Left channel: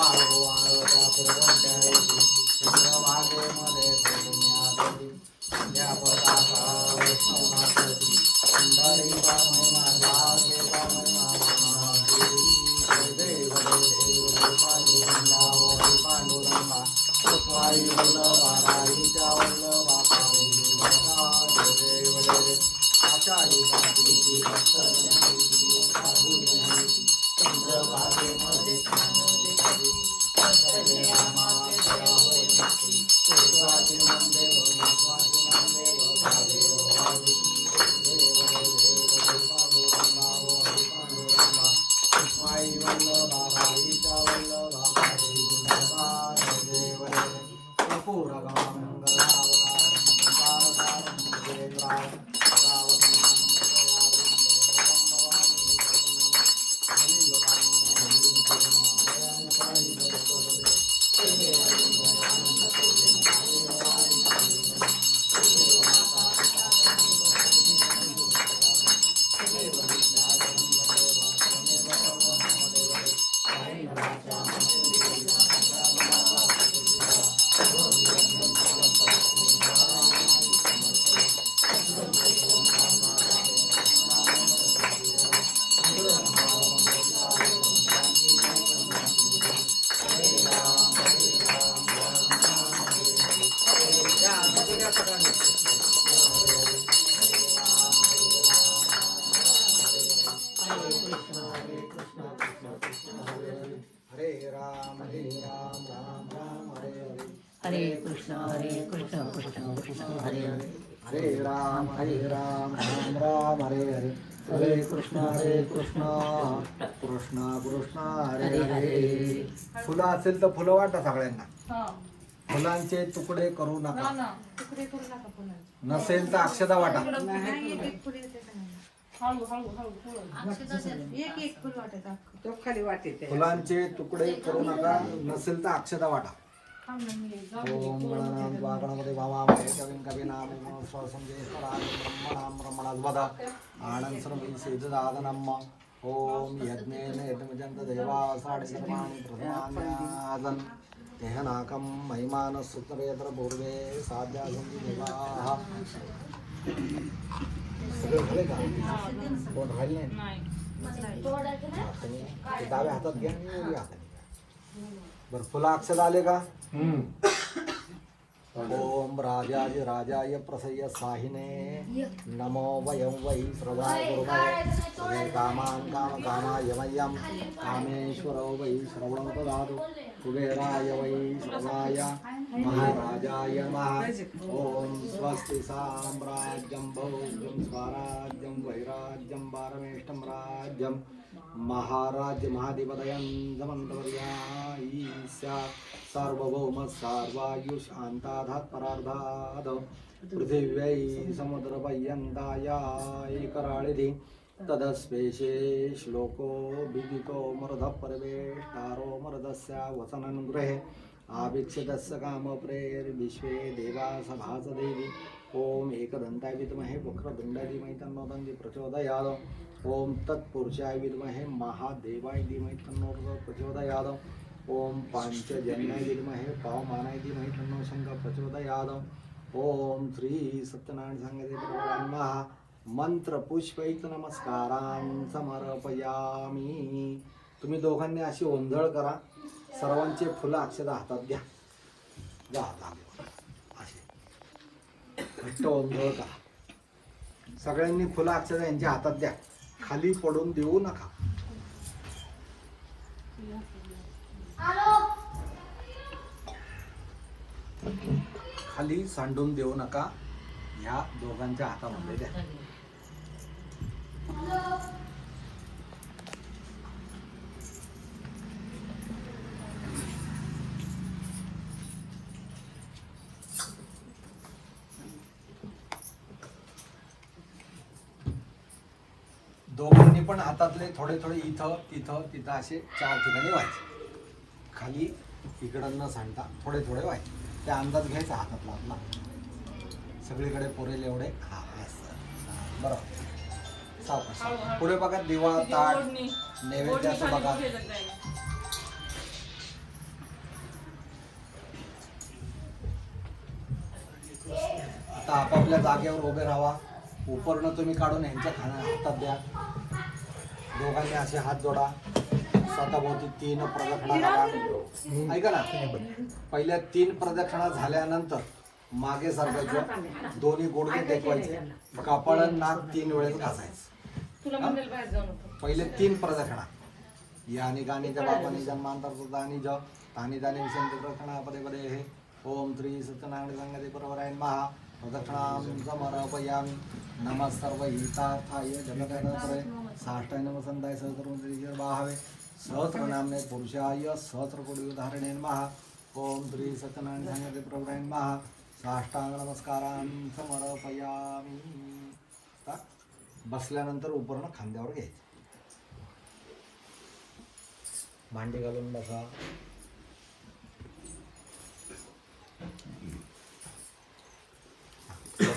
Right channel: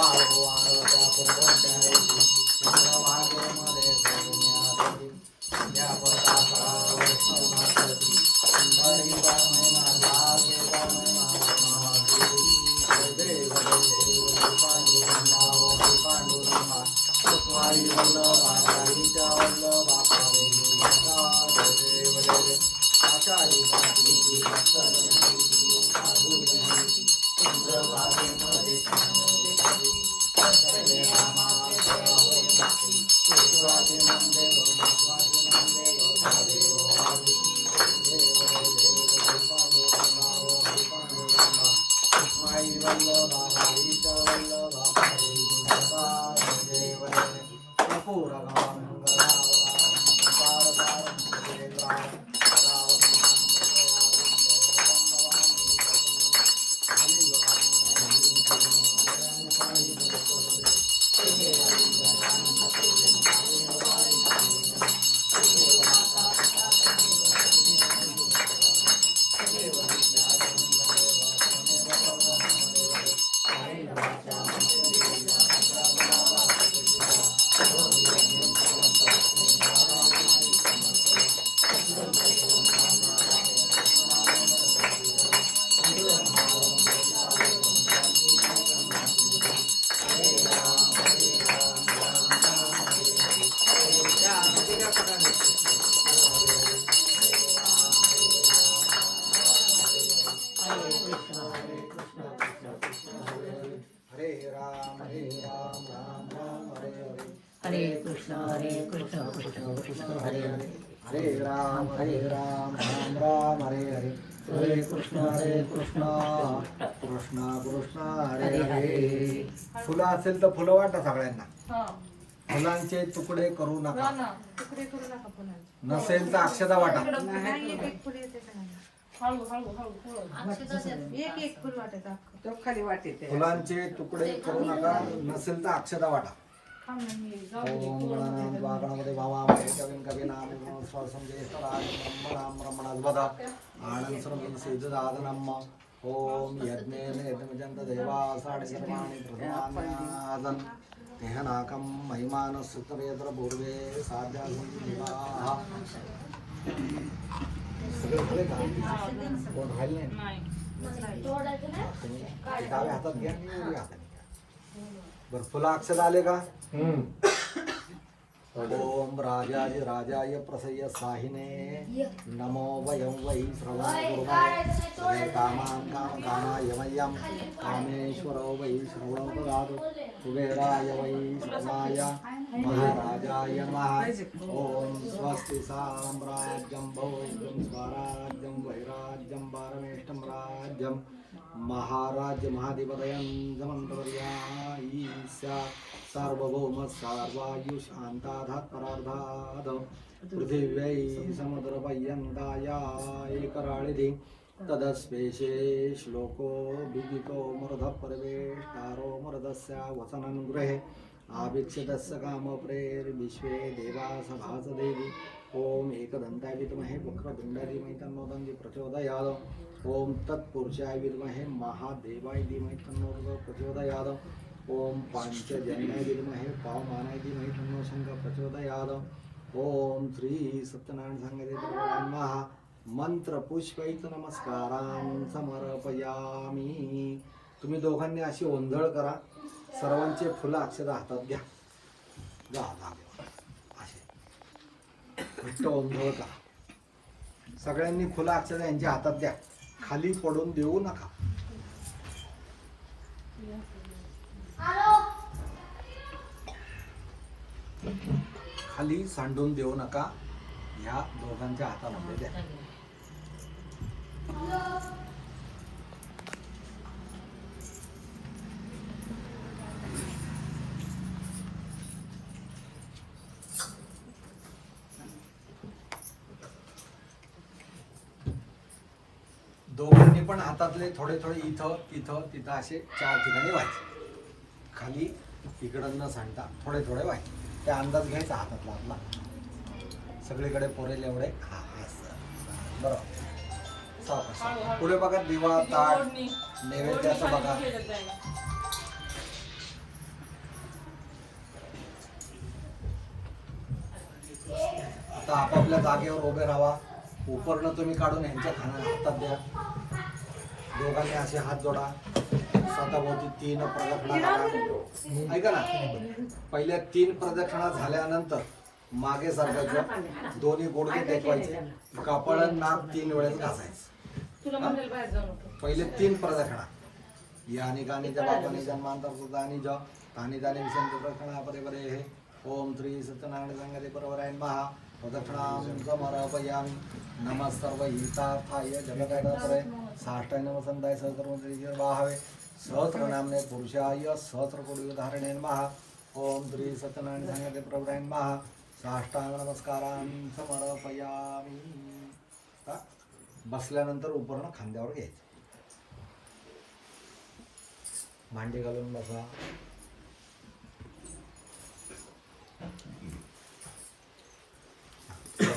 वाळू वाळवत्या पुरवत्या चंद्रभागे मध्ये सोडण्यासाठी या पदाचा वैष्णवनाथी पंढरी महिमा भागे महिमा देव पांडुरंगा स्वाई वल्लभा राईच्या वल्लभा देव देव आचार्य चंद्रभागे मध्ये हरे कृष्ण कृष्ण कृष्ण हरे हरे हरे राम राम राम हरे हरे हरे कृष्ण कृष्ण कृष्ण हरे हरे. फुलं असेल तर फुलं वाटा सगळ्यांना. फुलांचे तुकडे करू नका. नसेल तर अक्षता वाटा. फुलांचे तुकडे करू नका. नसेल तर अक्षता वाटा. ओम गणानां वागणपते भावामहे कविं कवीनां स्वसंजयस्वराज ब्रह्मणां ब्रह्मणाद्वदा आनंद सर्वं सिद्धदादनम्. ओम यज्ञेन यज्ञमजन्त देवा साडे सर्वाणि प्रथमान्यादन् तेहनाकं महिमान सुतवेत्र पूर्वे साध्या संजीवाः. सगळे झाले का? कोण राहिले नाही? डाव्या हातात घ्या आणि उजव्या हातात घ्या. बरं, फुला अक्षर आले का? ओम राजाय राजाय प्रसय साहिने नमो वयं वै श्रवणाय गुरुवे कामां काम कामाय मह्यं कामेश्वरो वै श्रवणो ददातु कुबेराय वै श्रवणाय महाराजाय नमः. ओम स्वस्ति साम्राज्यं भोज्यं स्वराज्यं वैराज्यं पारमेष्टं राज्यं महाराज्य महाधिपतयं जमन्तवर्यायीस्या सार्वभौम सार्वायुष शांताधात परार्धाद पृथिव्यै समुद्रपर्यन्ताय कराळिधि तदस्पेशे श्लोको बिदिको मर्ध परवेष्टारो मर्दस्य वसनं गृहे आवीक्षितस्य कामप्रेर्विश्वे देवा सभास देवी. ओम एकदंताय विद्महे वक्रतुंडाय धीमहि तन्नो दन्ति प्रचोदयात्. ओम तत्पुरुषाय विद्महे महादेवाय धीमहि तन्नो प्रचोदयात्. ओम पांचजन्याय विद्महे पावमानाय धीमहि तन्नो शंकर प्रचोदयात्. ओम श्री सत्यनारायण सांगते नमः. मंत्र पुष्पैत नमस्कारां समर्पयामी. तुम्ही दोघांनी अशी ओंजळ करा. सर्वांचे फुलं अक्षता हातात घ्या. घ्या असे घट्ट ओंजळ करा. सगळ्यांनी फुलं अक्षता यांच्या हातात द्या. खाली पडून देऊ नका. खाली सांडून देऊ नका. ह्या दोघांच्या हातामध्ये द्या. दोघांनी पण हातातले थोडे थोडे इथं तिथं तिथं असे 4 ठिकाणी व्हायचे. खाली इकडं न सांडता थोडे थोडे व्हायचे. त्या अंदाज घ्यायचा हातातला आपला. सगळीकडे पुरेल एवढे. हा बरोबर. सावकाश. पुढे बघा. दिवा ताट नैवेद्याचं बघा. आता आपापल्या जागेवर उभे राहा. उपरनं तुम्ही काढून यांच्या खाना हातात द्या. दोघांनी असे हात जोडा. स्वतःभोवती 3 प्रदक्षिणा करा. ऐका ना, पहिल्या 3 प्रदक्षिणा झाल्यानंतर मागे सरकायचं, दोन्ही गुडघे टेकवायचे, कपाळ नाक 3 वेळेस घासायचं. पहिले 3 प्रदक्षिणा. यानी गाणी जपानी जन्मांतर दानी ज तानी दानी विसंत प्रदक्षिणा पदे पदे हे. ओम श्री सत्यनारायण संगते परवरायण महा प्रदक्षिणां समर्पयामि. नमः सर्व हितार्थाय जगदाधारे साष्टांग नमस्संदाय सहस्रमंत्री बाहावे सहस्रनामने पुरुषाय सहस्रकोटी धारणे महा. ओम श्री सत्यनारायण संगते परवरायण महा साष्टांग नमस्कारां समर्पयामि. बसल्यानंतर उपरणं खांद्यावर घ्यायचं. मांडी घालून बसा.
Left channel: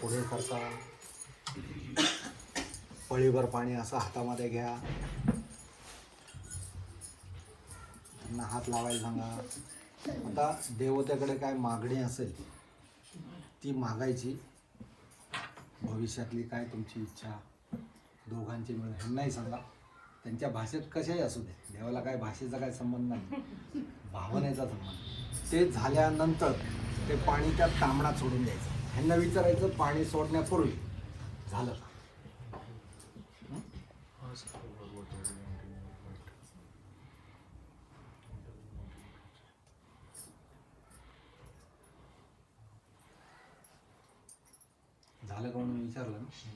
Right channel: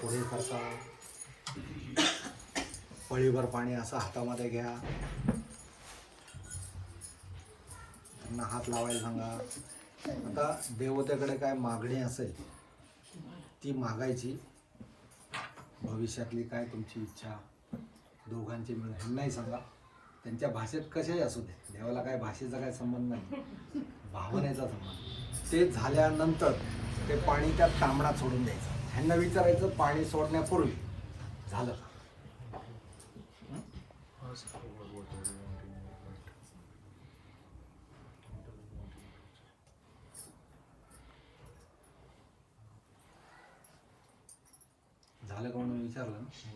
पुढे करता. पळीभर पाणी असं हातामध्ये घ्या. त्यांना हात लावायला सांगा. आता देवतेकडे काय मागणी असेल ती मागायची. भविष्यातली काय तुमची इच्छा दोघांची मिळून ह्यांनाही सांगा. त्यांच्या भाषेत कशाही असू दे, देवाला काय भाषेचा काय संबंध नाही, भावनेचा संबंध. ते झाल्यानंतर ते पाणी त्या तांबडात सोडून द्यायचं. ह्यांना विचारायचं पाणी सोडण्यापूर्वी झालं का. झालं का म्हणून विचारलं ना,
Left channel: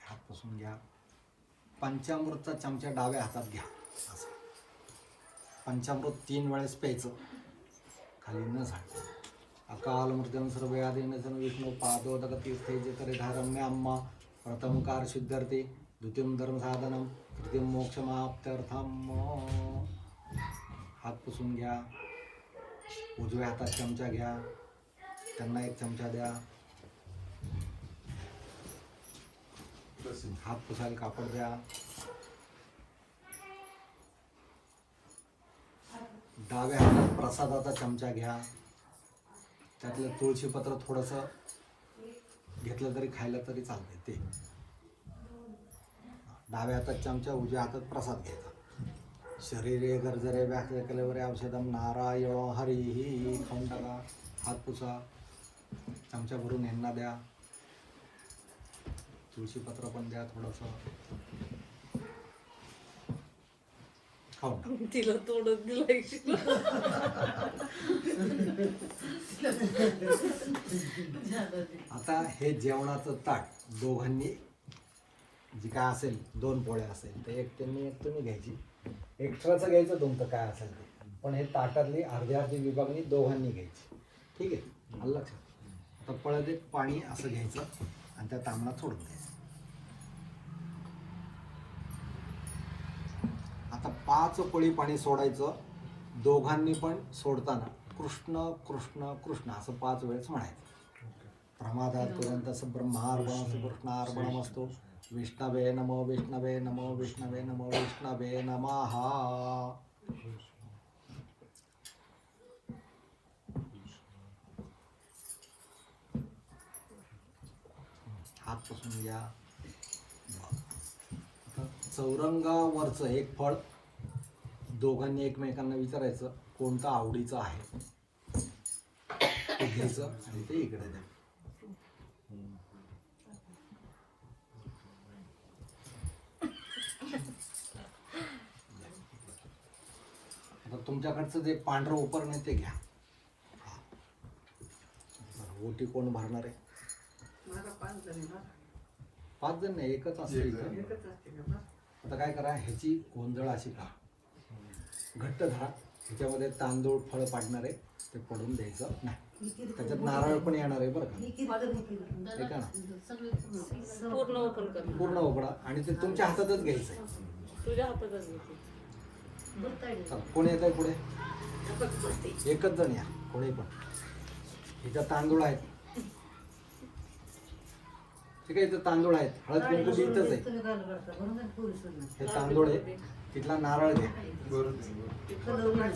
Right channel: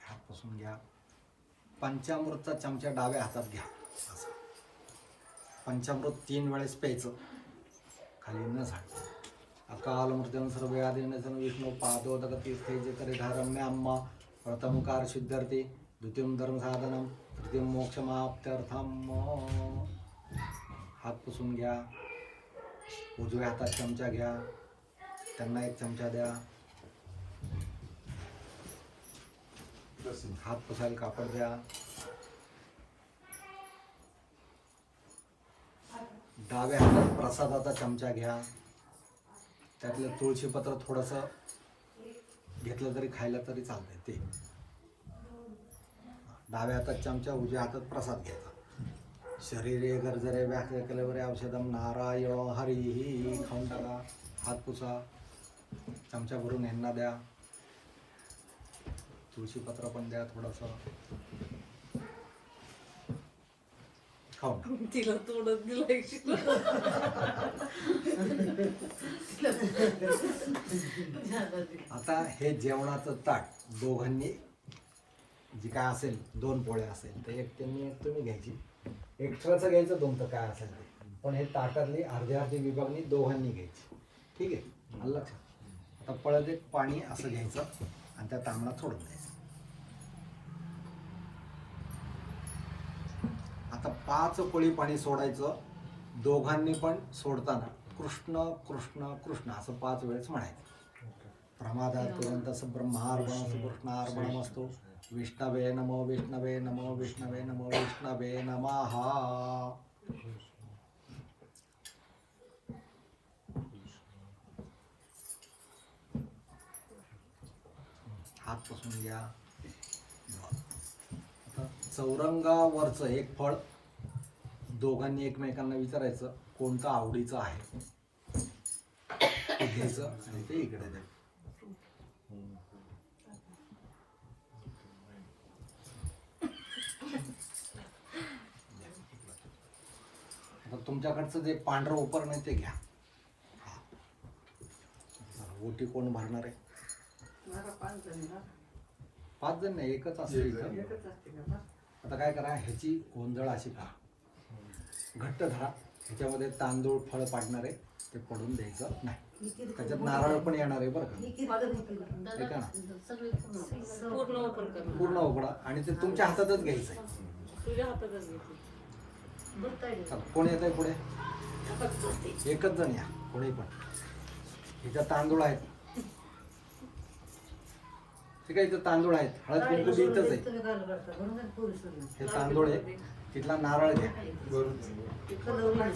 हात पुसून घ्या. पंचामृतचा चमचा डाव्या हातात घ्या. असं पंचामृत 3 वेळेस प्यायचं, खाली न झाड. अकाल मृत्यून सर्व आदिन विष्णू पादोदक तीर्थे जे करे धारम्य अम्मा. प्रथम कार शुद्ध्यर्थे, द्वितीयम धर्म साधनम, तृतीयम मोक्षमाप्त्यर्थम. हात पुसून घ्या. उजव्या हातात चमचा घ्या, त्यांना 1 चमचा द्या. हात पुसायला कापड द्या. डाव्या हातात प्रसादाचा चमचा घ्या. त्यातलं तुळशीपत्र थोडंसं घेतलं तरी खायला तरी चालतंय ते. डाव्या हातात चमचा, उजव्या हातात प्रसाद घ्यायचा. शरीरे गरजरे व्याख्या कलेवरे औषधम नारायण हरिही. खाऊन टाका. हात पुसा. चमचा भरून यांना द्या. तुळशीपत्र पण द्या थोडंसं. खाऊन तिला तोडत दिलं. आता हे जेवणाचं ताट दोघांनी जी काय असेल, 2 पोळे असेल तर 1 त्यांनी 1 तुम्ही घ्यायची. एक्स्ट्राचं घ्यायचं तुमचं काय असेल ते, पण हे ताटातली अर्धी विभागणी दोघांनी घ्यायची. ठीक आहे, आलं लक्षात. आता पळत 1 पाणी असं घ्यायचं आणि त्या तांबडात सोडून द्यायचं. आता 5 पळी पाणी सोडायचं. दोघांनी पण सोडताना कृष्ण कृष्ण कृष्ण असं 5 वेळेस म्हणायचं. प्रमादात तुरंत ब्रह्मार्पण कृष्णार्पणम असतो. विष्णवे नमो विष्णवे नमो विष्णवे नमो विष्णवे नमः. हात पुसून घ्या. चौरंगावरचं 1 फळ दोघांनी एकमेकांना विचारायचं कोणतं आवडीचं आहे ते घ्यायचं आणि ते इकडे द्यायचं. आता तुमच्याकडचं जे पांढरं उपरण आहे ते घ्या. ओटी कोण भरणार आहे? 5 जण नाही, 1च असते. आता काय करा, ह्याची गोंधळ अशी का घट्ट धरा. ह्याच्यामध्ये तांदूळ फळ पाडणार आहे ते पडून द्यायचं नाही. त्याच्यात नारळ पण येणार आहे बरं का. हे का ना, पूर्ण उघडा आणि ते तुमच्या हातातच घ्यायचं आहे. तुझ्या हातातच घेते. कोण येत आहे पुढे? 1च जण या, कोणी पण. ह्याच्यात तांदूळ आहेत. ठीक आहे, इथं तांदूळ आहेत. हळद कुंकू बी इथंच आहे. हे तांदूळ आहे. तिथला नारळ घ्या.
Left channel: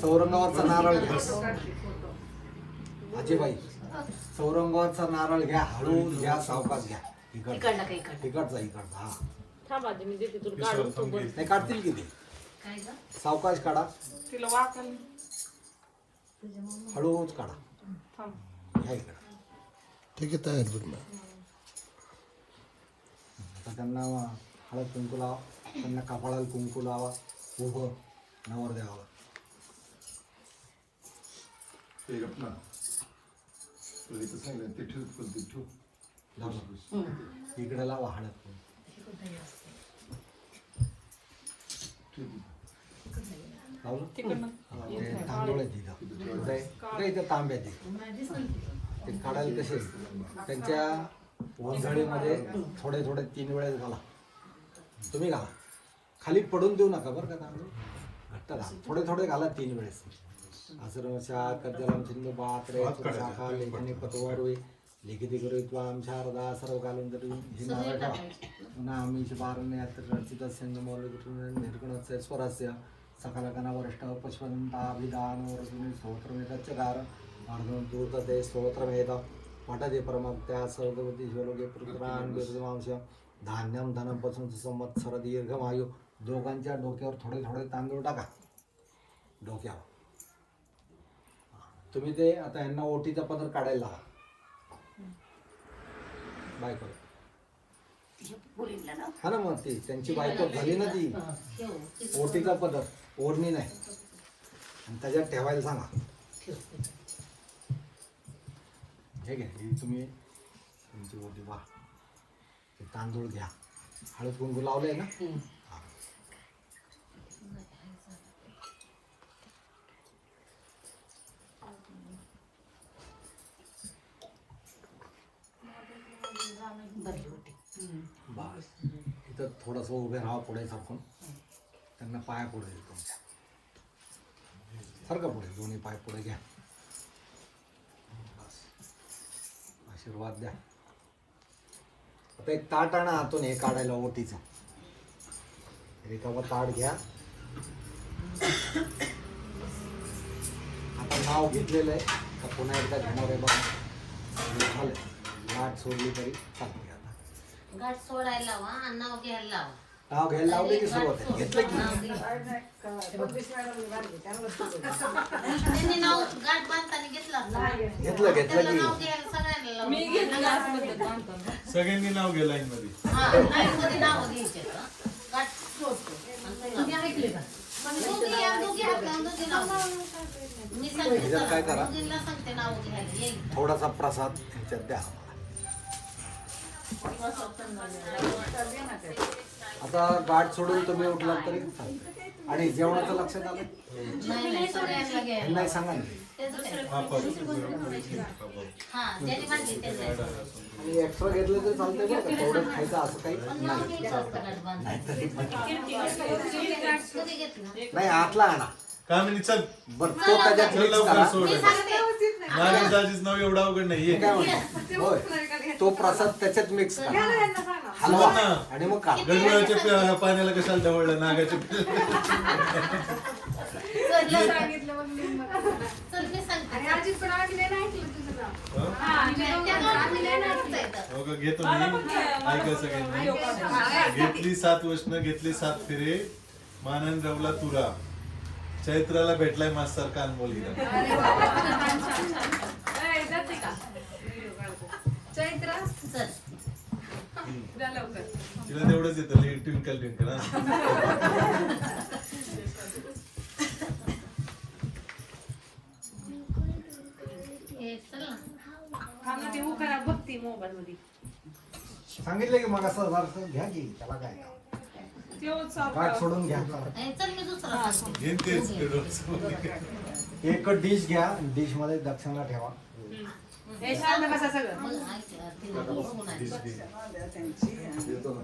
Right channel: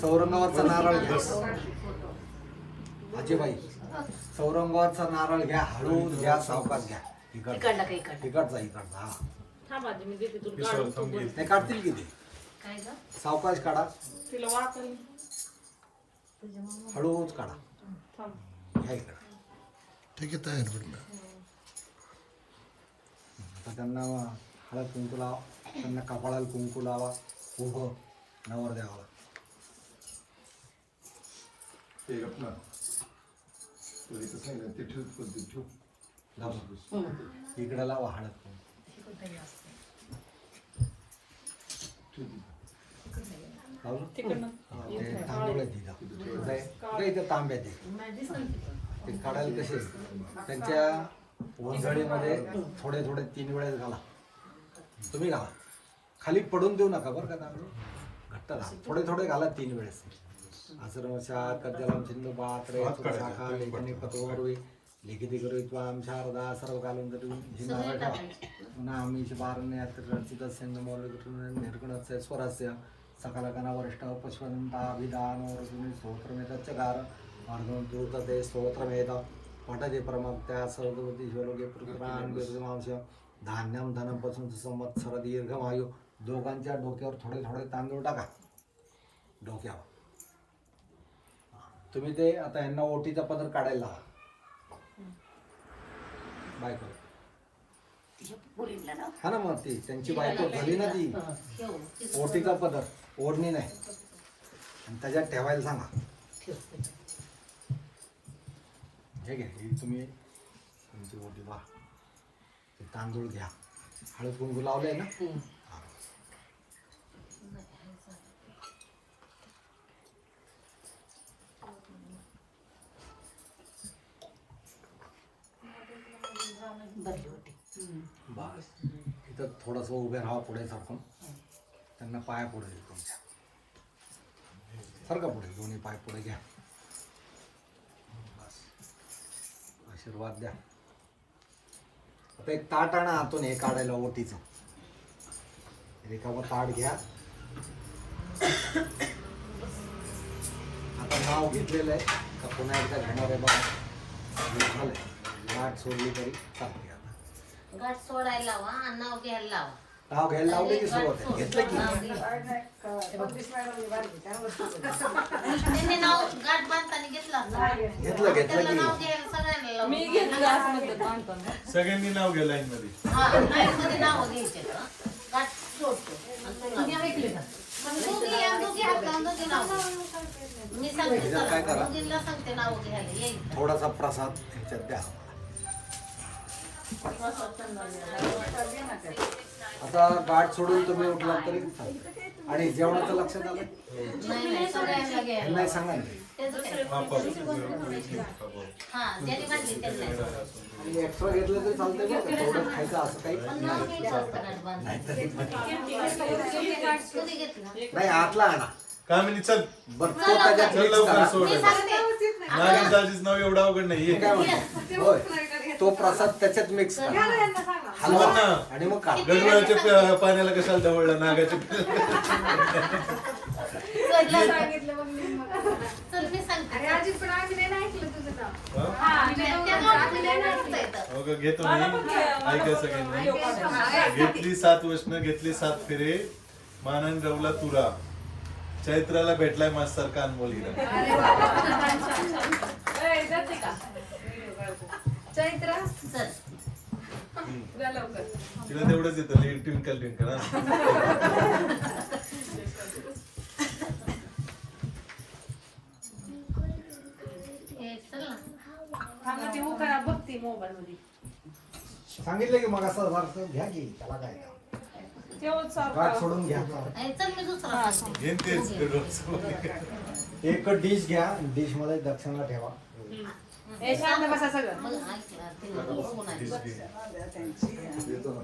चौरंगावरचा नारळ घ्या. आजीबाई चौरंगाचा नारळ घ्या, हळूच घ्या, सावकाश घ्या. इकडला का इकडला? इकडचा हा. थांब आधी मी देते तुला काढून सोबत. नाही काढतील की ते. काय ग? सावकाश काढा, तिला वाचायला हळूच काढा. थांब. घ्या इकडं. ठीक आहे, तयार भेटला. आता त्यांना हळद कुंकू लावा, त्यांना कपाळाला कुंकू लावा, उभं नवरदेवाला. इकडे लावा हळद कुंकू. लावलं? तिकडनं. हा, ते तांदूळ आहे तिथं. कुठे इथं तांब्यात आहे. ते काढायला कसे त्यांच्या वंजळीमध्ये थोडे थोडे 3 वेळेस घाला. तुम्ही घाला, खाली पडून देऊ नका बरं का. तांदूळ घट्ट घाला, थोडे थोडे घाला 3 वेळेस. आश्रमशा कज्जलम सिंधू पात्रे शाखा लेखनी पतवरुई लिखिती करू त्वाम शारदा सर्व कालून तरी ही नारळ ठेवा. पुन्हा आम्ही बारणे रचित सिंधू मौल निर्गुणस्य स्वरस्य सकल गण वरिष्ठ पुष्पंताभिधान वर्जुनी स्तोत्रमेतच्चकार अर्जुन दूत ते स्तोत्रमेत पठते परमक्त्या सर्ववती शिवलोके पुत्रान बिर्जमांश धान्यम धनम पसून संवत्सर दीर्घमायू. दोघांच्या डोक्यावर थोडे थोडे तांदूळ टाका डोक्यावर. तुम्ही ते आता यांना ओटीचा पदर काढायला लावा. बायको मुलींना ना? हा ना, मग ती त्यांची बायको झाली ना ती. ओटीचा पदर, ओढणी नाही, आणि त्याच्यात ठेवायला सांगा. हे घ्या, ही तुम्ही तुमची ओटी वा. ते तांदूळ घ्या, हळद कुंकू लावलंय ना. हा. भरली होती. बस इथं थोडंसं उभे राहा, पुढे सरकून त्यांना पाया पुढे देतो तुमच्या. सारखं पुढे, दोन्ही पाय पुढे घ्या. बस आशीर्वाद द्या. आता एक ताट आणा आतून हे काढायला ओटीचं. रिकामं ताट घ्या. आता नाव घेतलेलं आहे का पुन्हा एकदा घेणार आहे बघा. झालं, गाठ सोडली तरी चालते. आता गाठ सोडायला लावा आणि नाव घ्यायला लावा. नाव घ्यायला लावले की सुरुवात आहे. घेतलं की त्यांनी नाव गाठ बांधताना घेतला होता. घेतलं त्याला की नाव घ्यायला सगळ्यांना लावलं. मी घेतली आतमध्ये बांधताना. सगळ्यांनी नाव घ्या लाईन मध्ये. हा, लाईनमध्ये नाव द्यायचे हं. गाठ सोडतो आणि तू ऐकले का? मग दोघी हात लावून दोघी नाव घ्या. मी सांगते ह्याच्यात काय चला, करा? दोघींना सांगते नाव घ्यायला येईल. थोडासा प्रसाद ह्याच्यात द्या. आता गाठ सोडून तुम्ही उठला तरी चालतंय. आणि जेवणाचं लक्षात आलं? नाही, सगळ्यांना घ्यायला. नाही सांगा ना. त्याचं काय? बापा. हा, ज्यांनी बांधली त्यांना. आणि एक्स्ट्रा घेतलं तर चालतंय बरं का. तेवढं खायचं असं काही नाही. नाहीतरी कधी घेतला? नाही, आतला आणा. कामिनी चल. बरं, तो त्याच्यात चल mix लवकर करा. सोड. मी सांगते. नागिन दाजीच नाव एवढं अवघड नाही. मी ये. काय म्हणतो, होय, तो प्रसाद त्याच्यात मिक्स करा, हलवा हो ना. आणि मग काढा. गडवळाच्या पाण्याला कशाला ढवळलं नागाच्या. चल, मी सांगते. हो का, घेतो मी. ऐका सगळ्यांनी. घेतली 7 वचनं, घेतली 7 फेरे. मानन रवला तुरा. चैत्राला भेटलाय माझ्यासारखा अनमोल हिरा. चैत्र चल. जा लवकर. तिला तेवढंच येतं ट्विंकल ट्विंकल. हे चल ना. थांबा, ती उखाणा बघती मोबाईल मध्ये. सांगितलं की मग असं वारसं घ्या की, त्याला काय तेवढंच गाठ सारखं. सोडून घ्या. हे चल, मी दुसरा सांगते. घेईन तेच. एक डिश घ्या, डिश मध्ये दक्षिणा ठेवा. हे शांत बसा सगळं. मग ऐक, तिला बघून आहे. देतो ना.